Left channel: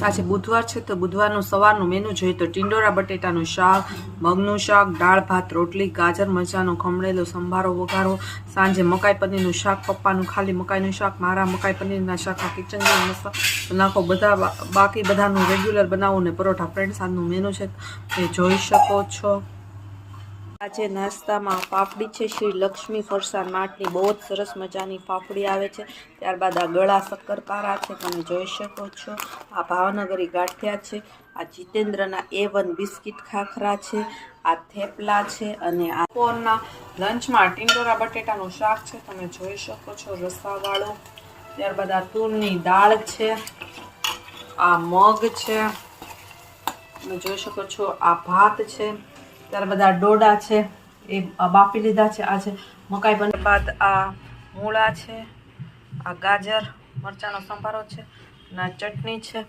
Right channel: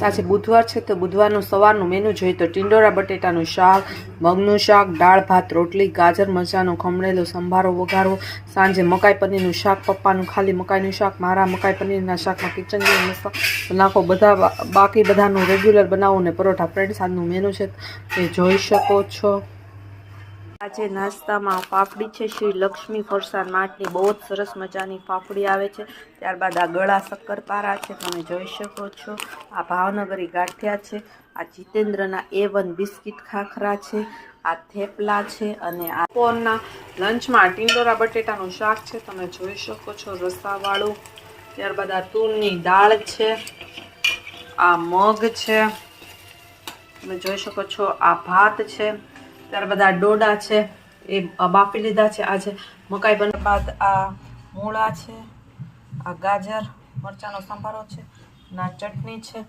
આજે બુધવાર છે તો બુધવારનું સવારનું મેનુ જોઈએ તો ટિંડોરા બટેટાનું શાક, મગનું શાક, દાળ ભાત રોટલી, ગાજર મરચાંનો ખમણેલો સંભારો વઘારો, સાંજે મકાઈ પનીરનું શાક, પપ્પાનું ખાલી મકાઈનું શાક, મારા મકાઈ પનીરના શાકમાં કિચન જેવો મસાલો નાખો, બધા બાકી બધાનું રેગ્યુલર બનાવો ને પરોઠા. ફ્રેન્ડ્સ આજનું મેનુ છે એ જોઈ શકો છો. આજે નાસ્તામાં પાપડી છે, શ્રી લક્ષ્મી ફરસાણ માર્ટની બહુ જ સરસ મજાની પાપડી આવે છે. ત્યારબાદ આ ગળા શક્કરપારા છે, તમે જોઈ શકો છો. આ ભાવનગરી ગાંઠિયા છે, આ જીતેન્દ્રના A1 બિસ્કિટ ખાખરા છે, આ થેપલા છે અને આ બપોરના લંચમાં ટિંડોરા બટેટાનું શાક છે, તમે જોઈ શકો છો રસાવાળું. ત્યારબાદ આ તુરની દાળ છે, આ મગ છે, તમે જોઈ શકો છો. આ ભાત છે, ત્યારબાદ આ ડોડા છે એ બાફી લીધા છે. આજે મકાઈ બને બાદ આ મૂળા છે, આ ગાજર મરચાંનો સંભારો છે, ના ચટણી છે.